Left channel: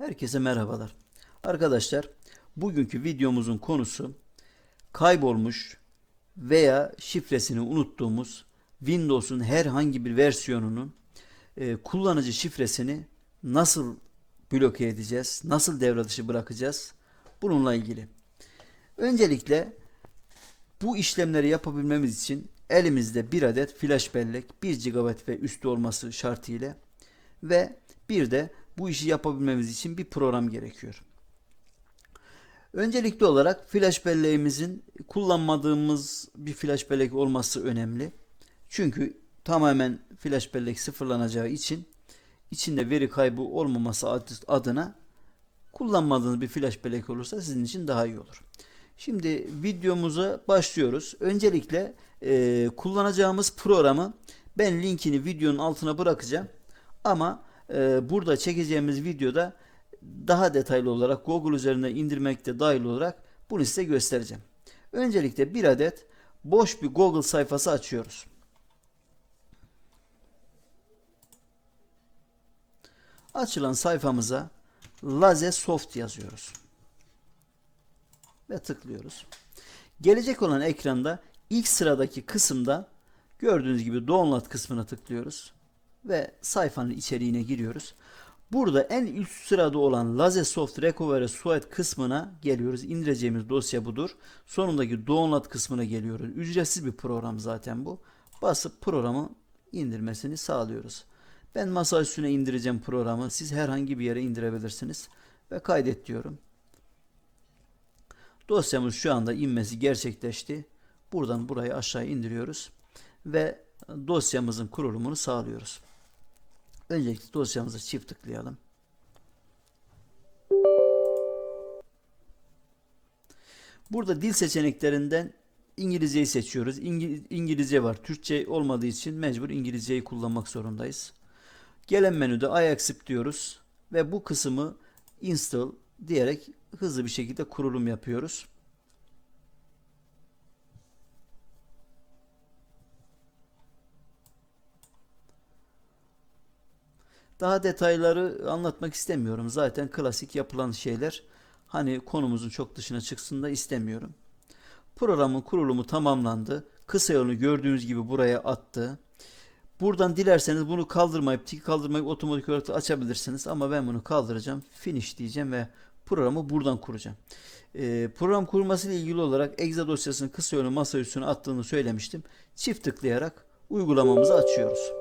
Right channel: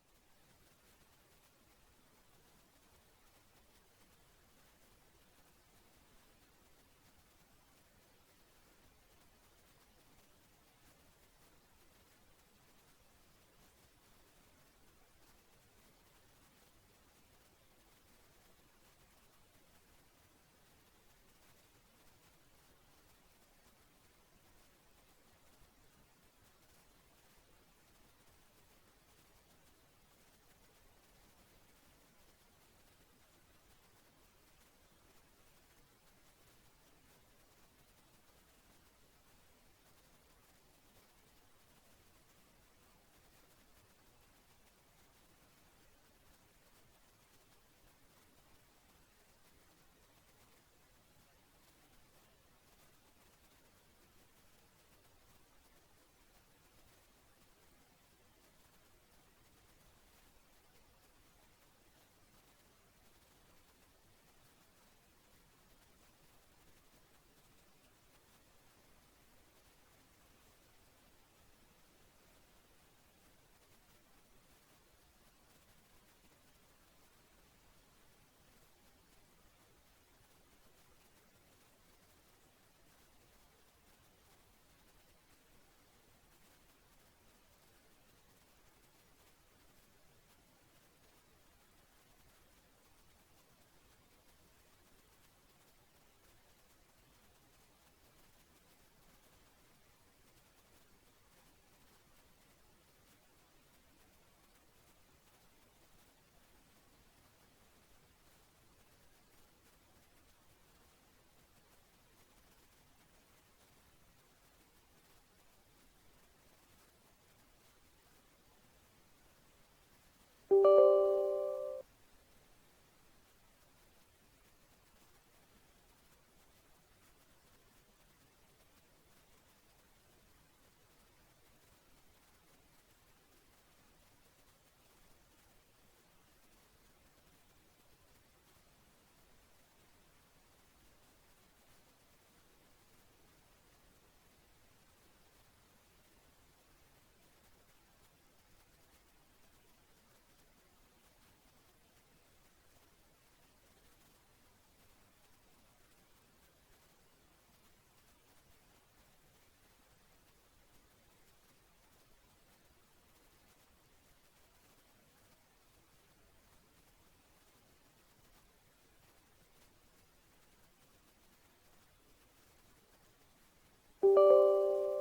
Herkese merhabalar. Arkadaşlar, bugünkü videomuzun konusu kaybolmuş veya şifresini unuttuğumuz Windows'un herhangi bir versiyonunun e, kullanıcı şifresini nasıl bloke edeceğiz, nasıl devre dışı bırakacağız bununla ilgili. Öncelikle bu işlemleri yapabilmemiz için elimizde bir adet flash bellek 1 GB ve üstü olması şartıyla ve bir de bu işi yapabilmemiz için bir program gerekiyor. Öncelikli olarak flash belleğimizin kullanmadığımız bir flash bellek olması önemli. Çünkü tamamen flash bellek sıfırlanacağı için içinde veri kaybı olmaması adına kullanmadığınız bir flash bellek olursa sizin için daha iyi olur. Şimdi videomuza başlıyoruz. Öncelikle e, kullanacağımız programı ben linkini videonun altına bırakacağım. Ama e, burada çekeceğimiz videoda daha detaylı olarak Google üzerine indirmekte dahil olarak bunu size göstereceğim. Öncelikle bir adet boş bir Google sayfası açıyoruz. Açılan sayfamıza Laze Soft yazıyoruz. Ve tıklıyoruz. Gelecek olan ekranda ilk sıradaki kısımda gördüğünüz gibi download kısmına tıklıyoruz ve sayfanın içeriğine giriyoruz. Burada en üst sırada olan Lazesoft Recovery Suite kısmına geliyoruz. İndireceğimiz dosya budur. Sonundaki download kısmına geliyoruz. Ücretsiz bir program zaten bu. Basıp programı indirmesini sağlıyoruz. Ben masa üstüne indireceğim programı. Siz herhangi bir yere indirebilirsiniz. Ve kaydet diyorum. Dosyamız şu anda inmesi gerçekleşti. Buradan burayı aşağı indiriyoruz. Ve dosyamızın kurulumunu sağlıyoruz. Öncelikle dosyamıza çift tıklayalım. Burada dil seçeneklerinden İngilizceyi seçiyoruz. İngil İngilizce var. Türkçe olmadığı için mecbur İngilizceyi kullanmak zorundayız. Gelen menüde I accept diyoruz ve bu kısmı install diyerek hızlı bir şekilde kurulum yapıyoruz. Daha detayları anlatmak istemiyorum. Zaten klasik yapılan şeyler. Hani konumuzun çok dışına çıksın da istemiyorum. Programın kurulumu tamamlandı. Kısa yolunu gördüğünüz gibi buraya attı. Buradan dilerseniz bunu kaldırmayıp tiki kaldırmayıp otomatik olarak açabilirsiniz. Ama ben bunu kaldıracağım. Finish diyeceğim ve programı buradan kuracağım. Ee, program kurması ile ilgili olarak exe dosyasını kısa yolunu masa üstüne attığını söylemiştim. Çift tıklayarak uygulamamızı açıyoruz.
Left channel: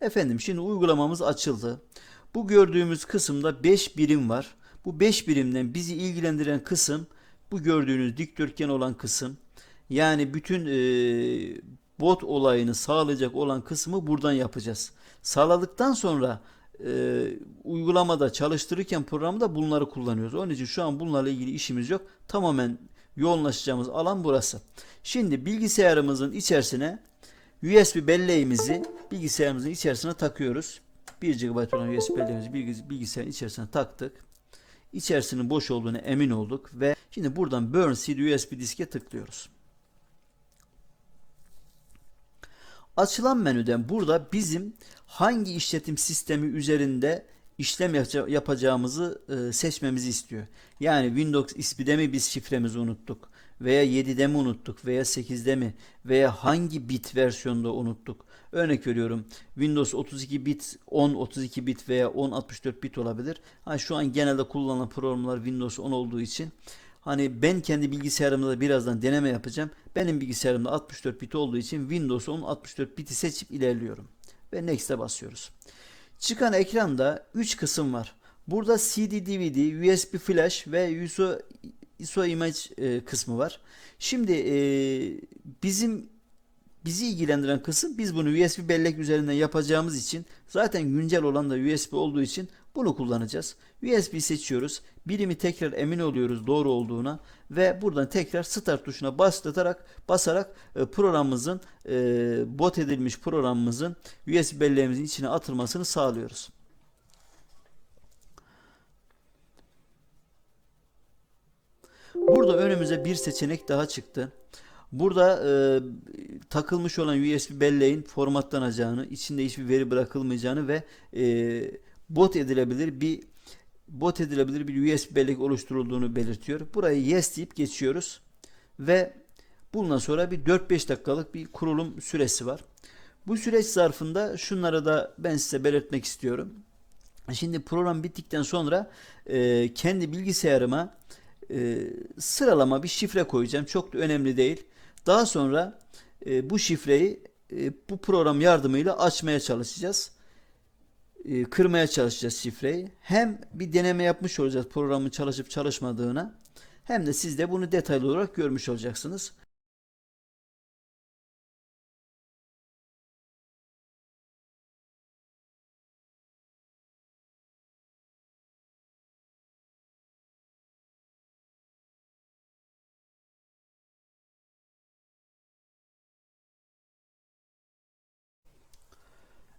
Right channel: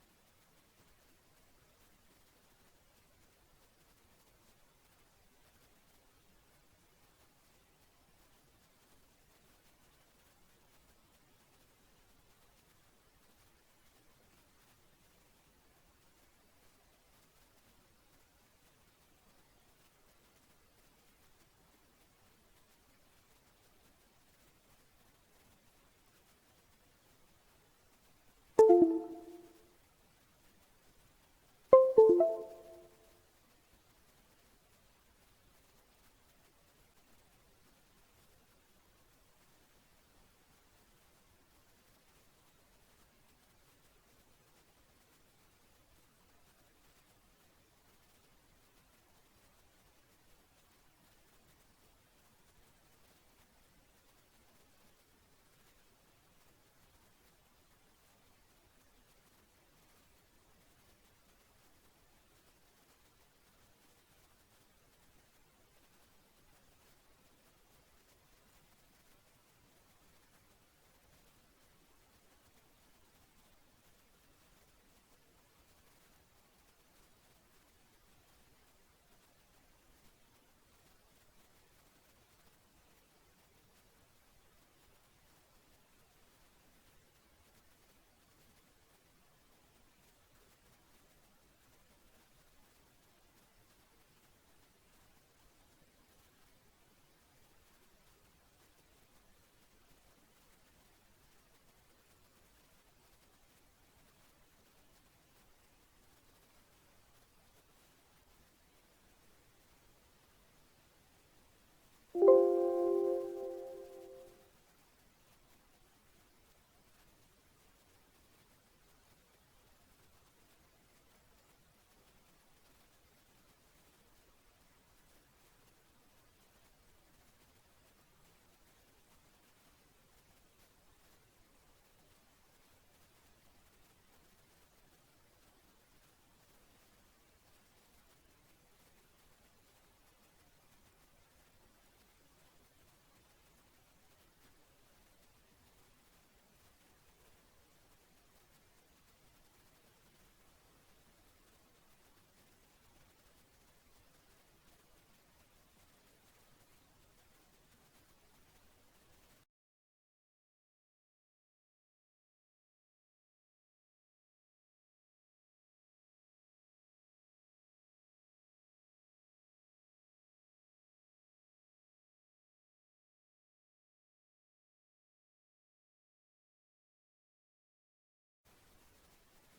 Efendim şimdi uygulamamız açıldı. Bu gördüğümüz kısımda 5 birim var. Bu 5 birimden bizi ilgilendiren kısım bu gördüğünüz dikdörtgen olan kısım. Yani bütün e, bot olayını sağlayacak olan kısmı buradan yapacağız. Sağladıktan sonra e, uygulamada çalıştırırken programda bunları kullanıyoruz. Onun için şu an bunlarla ilgili işimiz yok. Tamamen yoğunlaşacağımız alan burası. Şimdi bilgisayarımızın içerisine USB belleğimizi bilgisayarımızın içerisine takıyoruz. 1 GB olan USB belleğimizi bilgisayarın içerisine taktık. İçerisinin boş olduğunu emin olduk ve şimdi buradan Burn CD USB diske tıklıyoruz. Açılan menüden burada bizim hangi işletim sistemi üzerinde işlem yapacağımızı e, seçmemizi istiyor. Yani Windows XP'de mi biz şifremizi unuttuk veya 7'de mi unuttuk veya 8'de mi veya hangi bit versiyonda unuttuk. Örnek veriyorum Windows 32 bit, 10 32 bit veya 10 64 bit olabilir. Ha, şu an genelde kullanılan programlar Windows 10 olduğu için hani ben kendi bilgisayarımda birazdan deneme yapacağım. Benim bilgisayarımda 64 bit olduğu için Windows 10 64 biti seçip ilerliyorum. Ve Next'e basıyoruz. Çıkan ekranda 3 kısım var. Burada CD, DVD, USB flash ve ISO, image kısmı var. Şimdi e, bizim bizi ilgilendiren kısım biz bunu USB bellek üzerinden yapacağımız için zaten güncel olan da USB olduğu için bunu kullanacağız. USB seçiyoruz. Birimi tekrar emin oluyoruz doğru olduğuna ve buradan tekrar start tuşuna baslatarak basarak e, programımızın e, bot edilmiş programımızın USB belleğimizin içine atılmasını sağlıyoruz. Burada önümüze bir seçenek daha çıktı. Burada e, takılmış olan USB belleğin formatlanacağını, içinde hiçbir veri bırakılmayacağını ve e, bot edilebilir bir bot edilebilir bir USB bellek oluşturulduğunu belirtiyor. Burayı yes deyip geçiyoruz ve bundan sonra bir 4-5 dakikalık bir kurulum süresi var. Bu süreç zarfında şunları da ben size belirtmek istiyorum. Şimdi program bittikten sonra e, kendi bilgisayarıma e, sıralama bir şifre koyacağım. Çok da önemli değil. Daha sonra e, bu şifreyi e, bu program yardımıyla açmaya çalışacağız. E, kırmaya çalışacağız şifreyi. Hem bir deneme yapmış olacağız programın çalışıp çalışmadığına hem de siz de bunu detaylı olarak görmüş olacaksınız.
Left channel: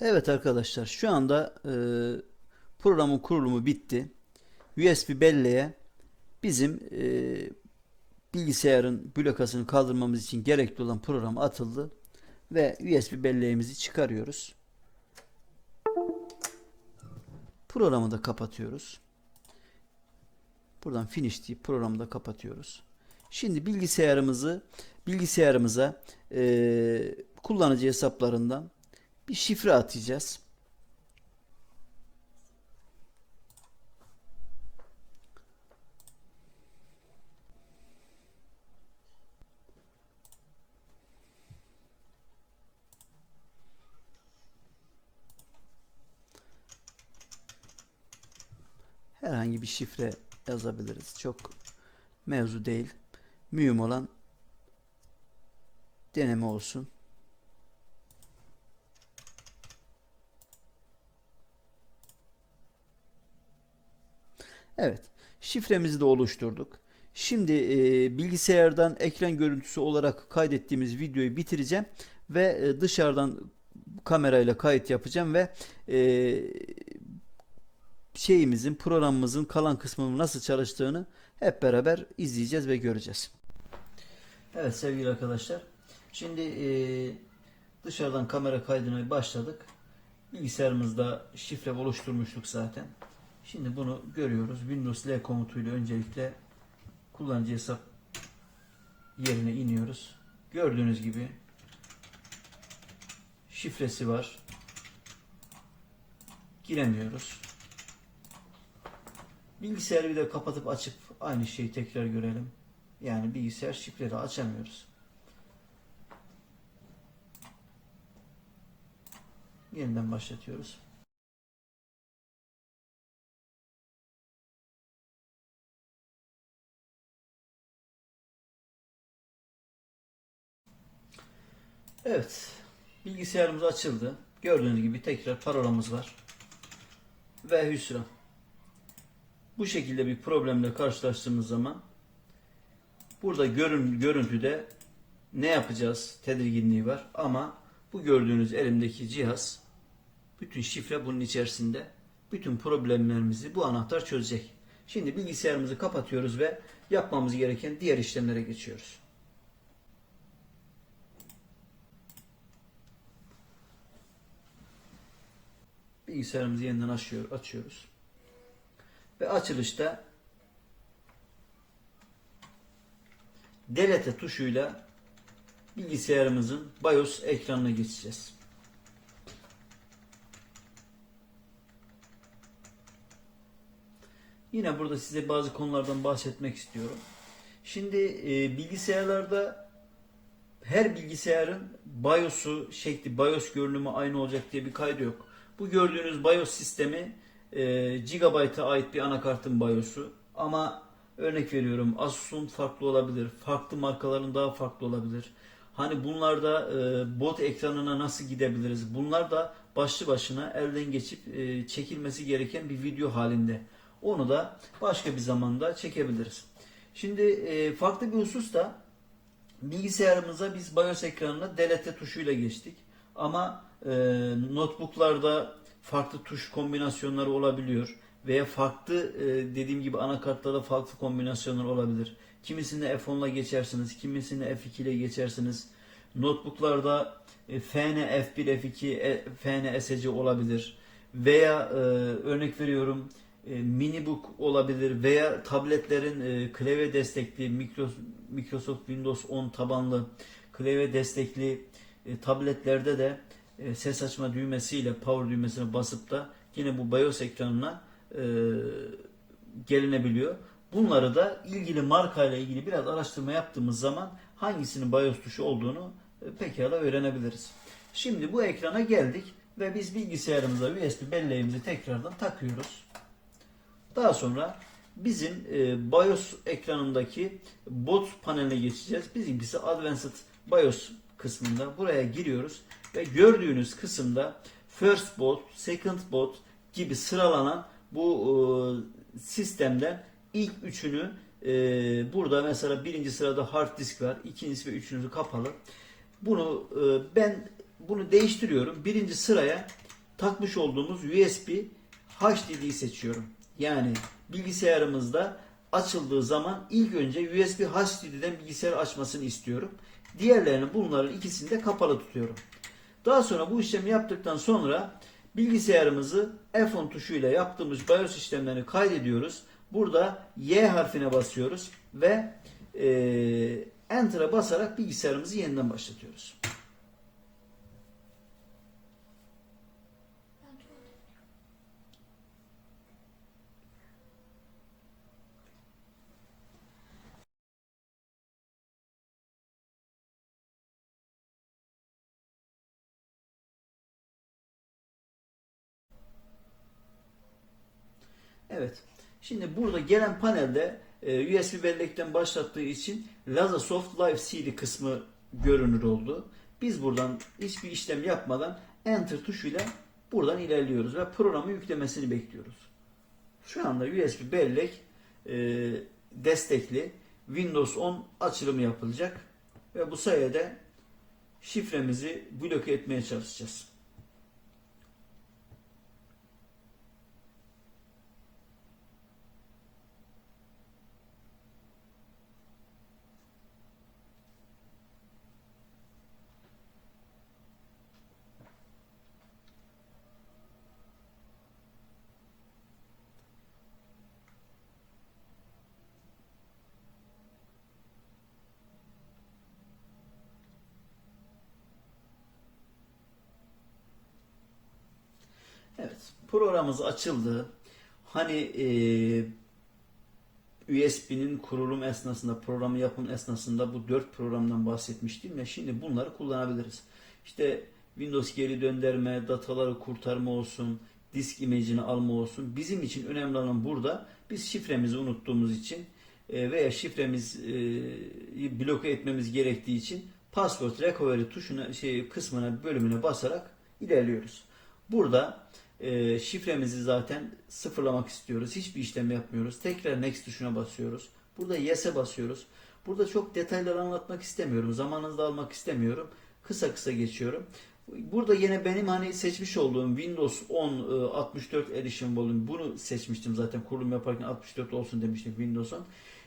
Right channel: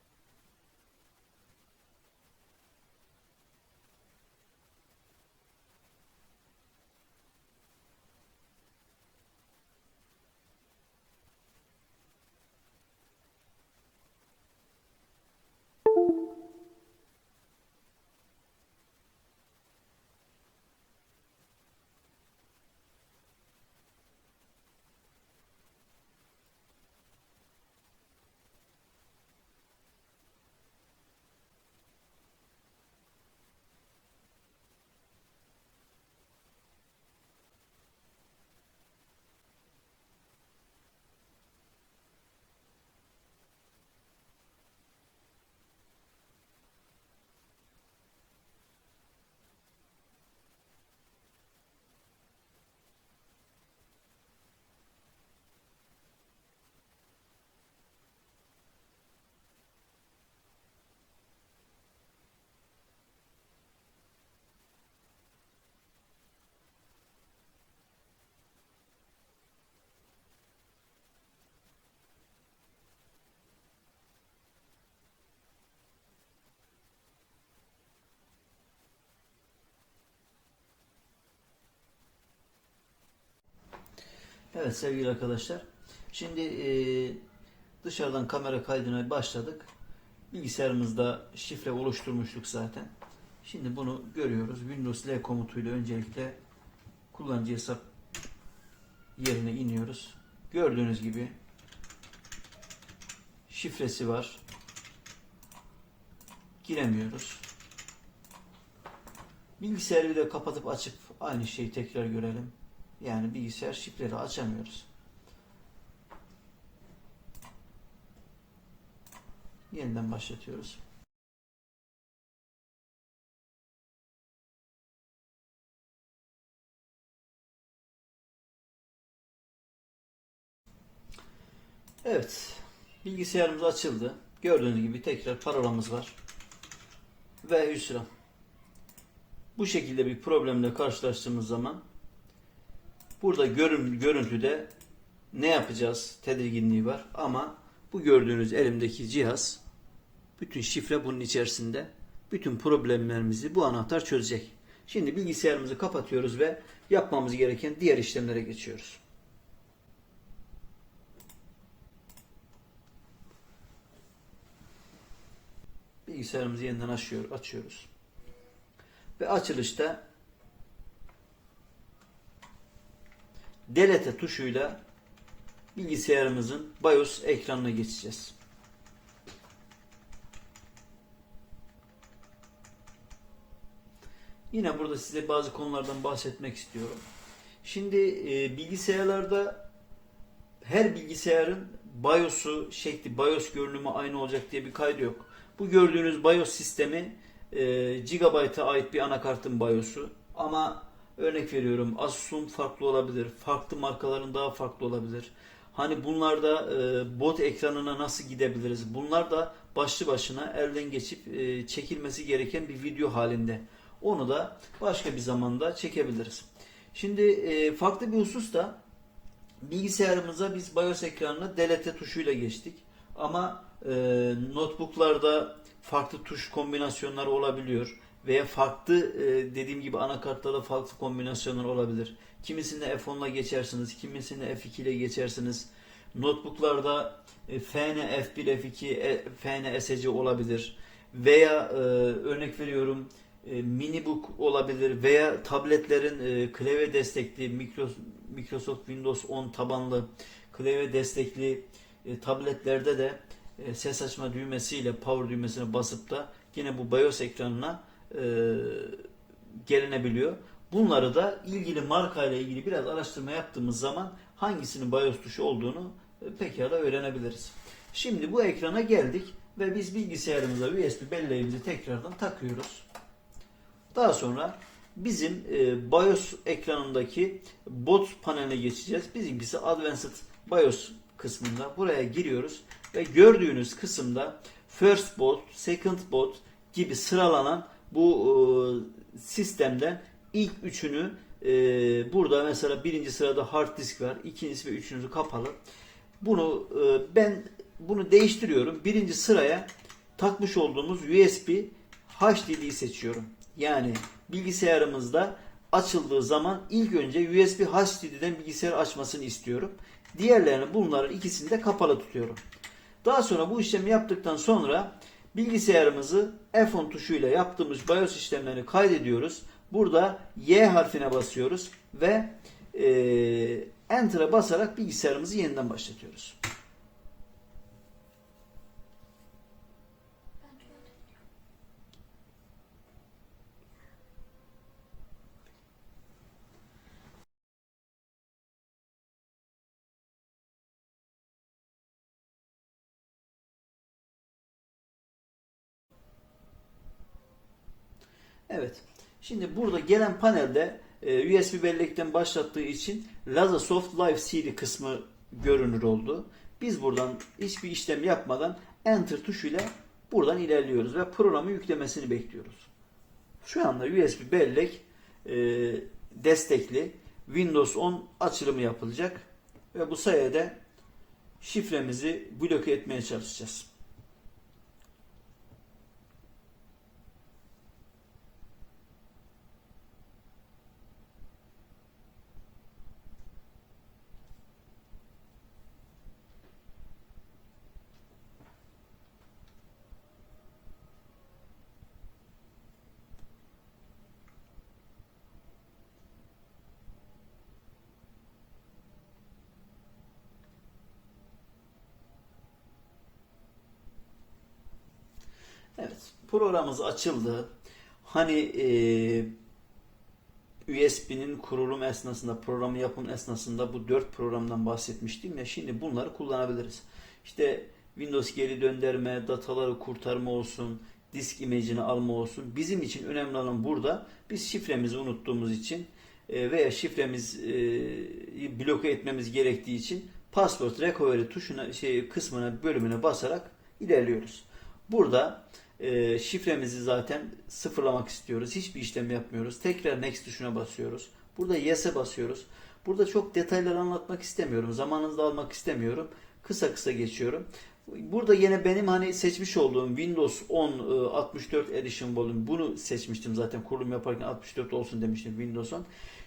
Evet arkadaşlar şu anda e, programın kurulumu bitti. USB belleğe bizim e, bilgisayarın blokasını kaldırmamız için gerekli olan program atıldı ve USB belleğimizi çıkarıyoruz. Programı da kapatıyoruz. Buradan finish deyip programı da kapatıyoruz. Şimdi bilgisayarımızı bilgisayarımıza e, kullanıcı hesaplarından bir şifre atacağız. Herhangi bir şifre yazabiliriz. Çok mevzu değil. Mühim olan deneme olsun. Evet. Şifremizi de oluşturduk. Şimdi e, bilgisayardan ekran görüntüsü olarak kaydettiğimiz videoyu bitireceğim ve e, dışarıdan kamerayla kayıt yapacağım ve e, şeyimizin programımızın kalan kısmının nasıl çalıştığını hep beraber izleyeceğiz ve göreceğiz. Evet sevgili arkadaşlar. Şimdi e, dışarıdan kamera kaydına başladık. Bilgisayarımızda şifre oluşturmuştuk zaten. Şimdi bunu görüyoruz. Windows L komutuyla öncelikle kullanıcı hesap yerine iniyoruz. Gördüğünüz gibi şifresi var. Giremiyoruz. Bilgisayarı da kapatıp açıp aynı şeyi tekrar görelim. Yani bilgisayar şifreli açamıyoruz. Yeniden başlatıyoruz. Evet. Bilgisayarımız açıldı. Gördüğünüz gibi tekrar parolamız var. Ve hüsran. Bu şekilde bir problemle karşılaştığımız zaman burada görün, görüntüde ne yapacağız tedirginliği var ama bu gördüğünüz elimdeki cihaz bütün şifre bunun içerisinde bütün problemlerimizi bu anahtar çözecek. Şimdi bilgisayarımızı kapatıyoruz ve yapmamız gereken diğer işlemlere geçiyoruz. Bilgisayarımızı yeniden açıyor, açıyoruz. Ve açılışta delete tuşuyla bilgisayarımızın BIOS ekranına geçeceğiz. Yine burada size bazı konulardan bahsetmek istiyorum. Şimdi e, bilgisayarlarda her bilgisayarın BIOS'u şekli, BIOS görünümü aynı olacak diye bir kaydı yok. Bu gördüğünüz BIOS sistemi e, Gigabyte'a ait bir anakartın BIOS'u. Ama örnek veriyorum Asus'un farklı olabilir. Farklı markaların daha farklı olabilir. Hani bunlarda e, bot ekranına nasıl gidebiliriz? Bunlar da başlı başına elden geçip e, çekilmesi gereken bir video halinde. Onu da başka bir zamanda çekebiliriz. Şimdi e, farklı bir husus da bilgisayarımıza biz BIOS ekranına delete tuşuyla geçtik. Ama e, notebooklarda farklı tuş kombinasyonları olabiliyor. veya farklı e, dediğim gibi anakartlarda farklı kombinasyonlar olabilir. Kimisinde F10'la geçersiniz, kimisinde F2 ile geçersiniz. Notebooklarda e, FN, F1, F2, e, FN, SC olabilir. Veya e, örnek veriyorum e, minibook olabilir veya tabletlerin e, klavye destekli Micro- Microsoft Windows 10 tabanlı klavye destekli e, tabletlerde de e, ses açma düğmesiyle power düğmesine basıp da yine bu BIOS ekranına e, gelinebiliyor. Bunları da ilgili markayla ilgili biraz araştırma yaptığımız zaman hangisinin BIOS tuşu olduğunu e, pekala öğrenebiliriz. Şimdi bu ekrana geldik ve biz bilgisayarımıza USB belleğimizi tekrardan takıyoruz. Daha sonra bizim e, BIOS ekranındaki bot paneline geçeceğiz. Bizimkisi Advanced BIOS kısmında. Buraya giriyoruz ve gördüğünüz kısımda First Bot, Second Bot gibi sıralanan bu e, sistemden ilk üçünü e, burada mesela birinci sırada hard disk var, ikincisi ve üçüncüsü kapalı. Bunu e, ben bunu değiştiriyorum. Birinci sıraya takmış olduğumuz USB HDD'yi seçiyorum. Yani bilgisayarımızda açıldığı zaman ilk önce USB HDD'den bilgisayar açmasını istiyorum. Diğerlerini bunların ikisini de kapalı tutuyorum. Daha sonra bu işlemi yaptıktan sonra bilgisayarımızı F10 tuşuyla yaptığımız BIOS işlemlerini kaydediyoruz. Burada Y harfine basıyoruz ve e, Enter'a basarak bilgisayarımızı yeniden başlatıyoruz. Evet. Şimdi burada gelen panelde e, USB bellekten başlattığı için Lazasoft Live CD kısmı görünür oldu. Biz buradan hiçbir işlem yapmadan Enter tuşuyla buradan ilerliyoruz ve programı yüklemesini bekliyoruz. Şu anda USB bellek e, destekli Windows 10 açılımı yapılacak ve bu sayede şifremizi bloke etmeye çalışacağız. Evet, programımız açıldı. Hani e, USB'nin kurulum esnasında, programı yapım esnasında bu dört programdan bahsetmiştim ya şimdi bunları kullanabiliriz. İşte Windows geri döndürme, dataları kurtarma olsun, disk imajını alma olsun. Bizim için önemli olan burada biz şifremizi unuttuğumuz için e, veya şifremizi bloke etmemiz gerektiği için password recovery tuşuna şey kısmına bölümüne basarak ilerliyoruz. Burada e, şifremizi zaten sıfırlamak istiyoruz. Hiçbir işlem yapmıyoruz. Tekrar next tuşuna basıyoruz. Burada yes'e basıyoruz. Burada çok detaylar anlatmak istemiyorum. Zamanınızı almak istemiyorum. Kısa kısa geçiyorum. Burada yine benim hani seçmiş olduğum Windows 10 e, 64 Edition Volume bunu seçmiştim zaten kurulum yaparken 64 olsun demiştim Windows 10.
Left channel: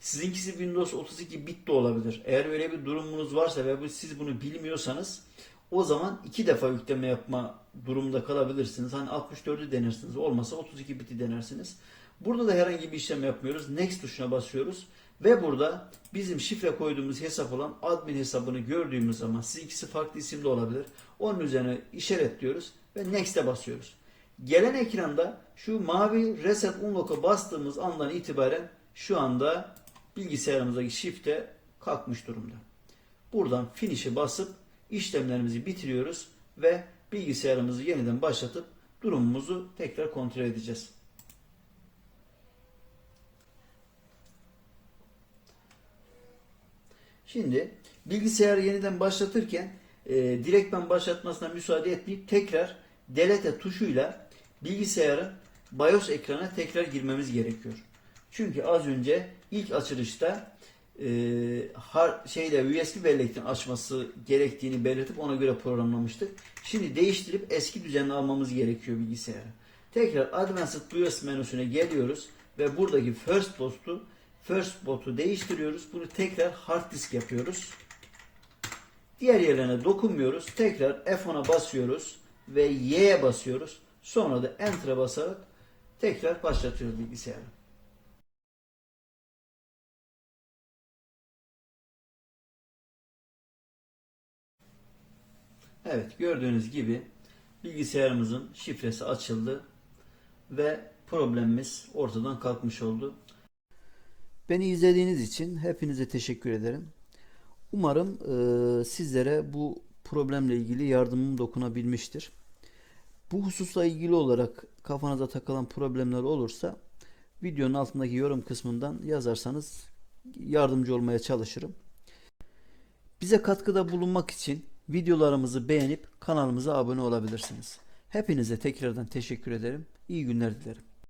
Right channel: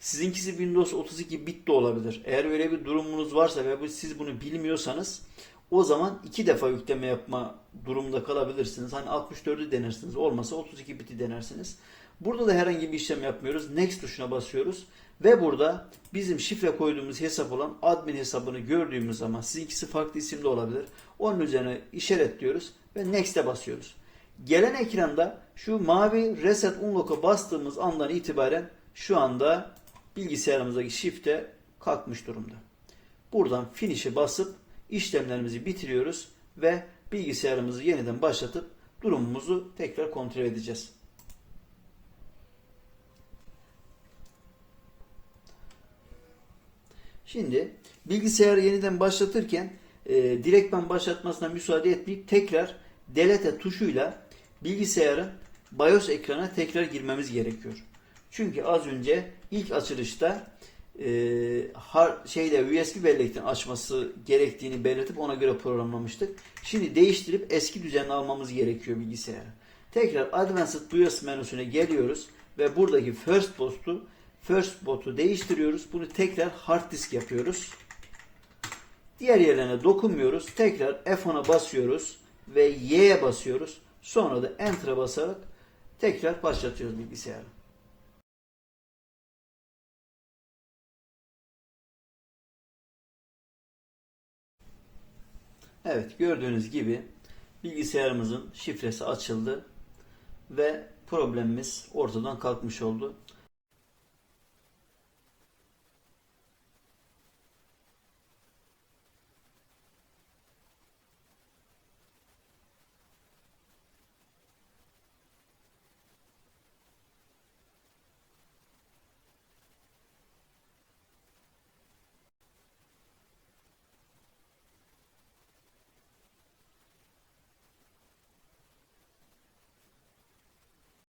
Sizinkisi Windows 32 bit de olabilir. Eğer öyle bir durumunuz varsa ve siz bunu bilmiyorsanız o zaman iki defa yükleme yapma durumunda kalabilirsiniz. Hani 64'ü denersiniz. Olmasa 32 biti denersiniz. Burada da herhangi bir işlem yapmıyoruz. Next tuşuna basıyoruz. Ve burada bizim şifre koyduğumuz hesap olan admin hesabını gördüğümüz zaman siz ikisi farklı isimde olabilir. Onun üzerine işaretliyoruz ve Next'e basıyoruz. Gelen ekranda şu mavi Reset Unlock'a bastığımız andan itibaren şu anda bilgisayarımızdaki şifre kalkmış durumda. Buradan Finish'e basıp işlemlerimizi bitiriyoruz ve bilgisayarımızı yeniden başlatıp durumumuzu tekrar kontrol edeceğiz. Şimdi bilgisayarı yeniden başlatırken e, direktmen başlatmasına müsaade etmeyip tekrar delete tuşuyla bilgisayarın BIOS ekranına tekrar girmemiz gerekiyor. Çünkü az önce ilk açılışta e, har, şeyde USB bellekten açması gerektiğini belirtip ona göre programlamıştık. Şimdi değiştirip eski düzenine almamız gerekiyor bilgisayarı. Tekrar Advanced BIOS menüsüne geliyoruz ve buradaki First Boot'u First Boot'u değiştiriyoruz. Bunu tekrar hard disk yapıyoruz. Diğer yerlerine dokunmuyoruz. Tekrar F10'a basıyoruz ve Y'ye basıyoruz. Sonra da Enter'a basarak tekrar başlatıyoruz bilgisayarı. Evet gördüğünüz gibi bilgisayarımızın şifresi açıldı ve problemimiz ortadan kalkmış oldu. Beni izlediğiniz için hepinize teşekkür ederim. Umarım eee, sizlere bu problemle ilgili yardımım dokunabilmiştir. Bu hususla ilgili olarak kafanıza takılan problemler olursa videonun altındaki yorum kısmından yazarsanız yardımcı olmaya çalışırım. Bize katkıda bulunmak için videolarımızı beğenip kanalımıza abone olabilirsiniz. Hepinize tekrardan teşekkür ederim. İyi günler dilerim.